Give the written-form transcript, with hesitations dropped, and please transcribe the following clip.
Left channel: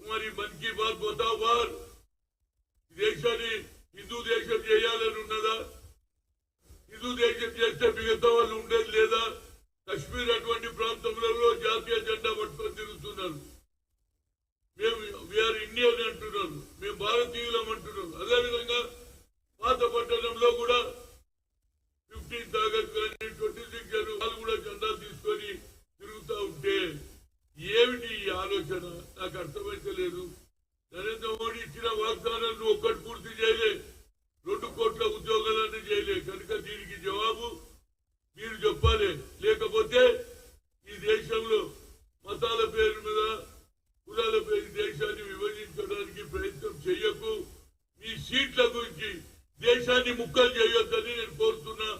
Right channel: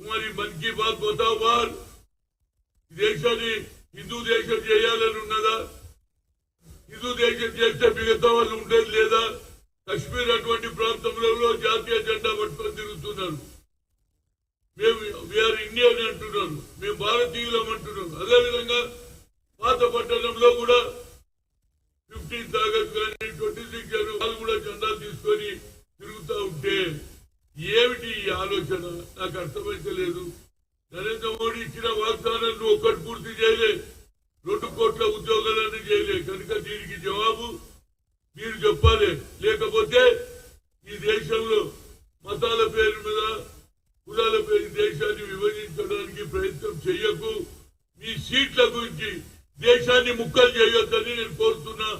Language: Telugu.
तुम्हारी मन की बात बताओ बार దేశాన్ని హిందూ దేశం చేయాలని ఉన్నదా? హిందూ దేశం చేస్తే మిగతా వాళ్ళు ఉండేది లేదా? కశ్మీర్ అటువంటి ప్రాంతంలో జాతీయ జెండా పట్టుకొని తిరుగుతున్నారు. మేము వీఆర్ ఇండియన్ అంటున్నారు, మేము భారతీయులం అంటున్నారు. అదేవిధంగా పాత పట్టణంలో కూడా 15th ఆగస్ట్ కానీ 26 జనవరి వాళ్ళు కూడా జెండా తీసుకొని తిరుగుతూ ఉంటే ఏమిటి ఈ ఆలోచన? నాకు అర్థమైతలేదు. నరేంద్ర మోడీ ఇచ్చిన వాగ్దానాలను ఒక్కటి పూర్తి చేయలే, 2 కోట్ల ఉద్యోగాలను చేయలే. కనుక దీనికి జవాబు మీరు చెప్పాలి. లేకపోతే ఈ దేశంలో మతాల పేరు మీద కులాల పేరు దేశాన్ని విభజించడానికి ప్రయత్నం చేయకు. మీ సీట్ల గురించి దేశాన్ని ముక్కలు చేయొద్దని నేను కోరుతున్నా.